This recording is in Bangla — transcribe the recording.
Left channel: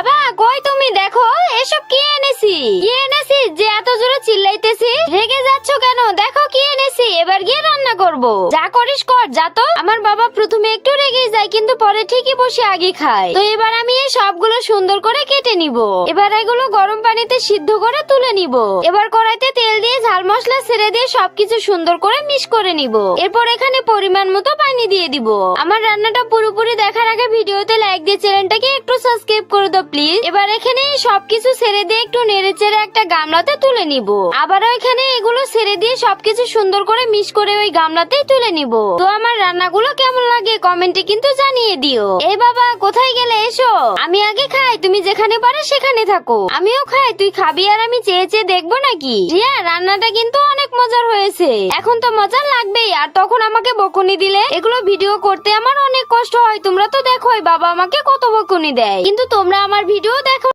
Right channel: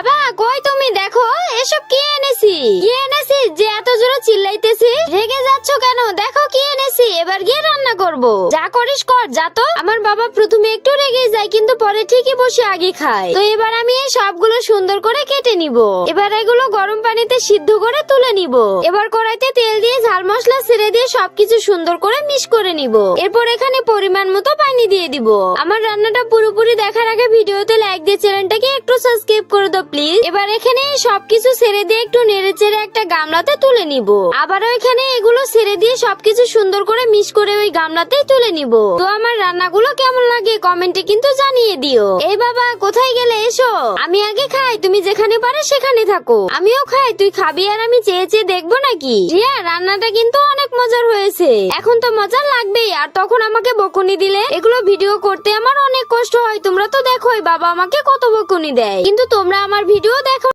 বাবা কই তুমি? দেখো এসব কি এনেছি। কি এনেছি যে এত জোরে চিল্লাইতেছি? রেগে যাচ্ছ কেন? দেখো কি এনেছি, এবার গিয়ে রান্না করব। যা করিস কর, যা তো। আমার বাবা প্রথমে একটু রেগে যায় কিন্তু পরে ঠিকই বসে আগে খায়। তো এবার আমি এই সবগুলো সুন্দর করে কেটে নিব। এবার এগুলো গরম পানিতে সিদ্ধ করে তুলে নিব। এবার কড়াইতে তেল দিয়ে ঝাল মশলা ছেড়ে দিয়ে সবকিছু সুন্দর করে মিক্স করে নিব। এরপর এখানে পরিমাণ মতো পানি দিয়ে দিব। আমার রান্নাটা পুরোপুরি দেখার আগে ভিডিওতে লাইক দিয়ে চ্যানেলটাকে একটু সাবস্ক্রাইব করে দাও প্লিজ। এবার এখানে সবকিছু ছেড়ে দিয়ে একটু নেড়ে চেড়ে একটা গামলাতে তুলে নিব। আবারও এখানে এগুলো ছেড়ে দিয়ে সবকিছু সুন্দর করে মিক্স করে ওই গামলাতেই তুলে নিব। তো আমার রান্নাগুলো কেমন লাগে কমেন্টে কিন্তু জানিয়ে দিও। এই বাবা কোথায় গেলে? এসো, আমি আগে খাই, তুমি যেখানে পারো সেখানে থাকো। আমিও খাই, তুই খাবি আর আমি চেয়ে চেয়ে দেখবো নাকি? রিয়া রান্নাটা কিন্তু অনেক মজার হয়েছে। এখন তো মজা লাগবেই, আর তখন আমাকে বকুনি দিলে। এগুলো ভিডিও করতে আমার অনেক কষ্ট হয়, তোমরা তো দেখোই বাবা আমাকে কত বকুনি দেয়, কিন্তু তোমরা আমার ভিডিও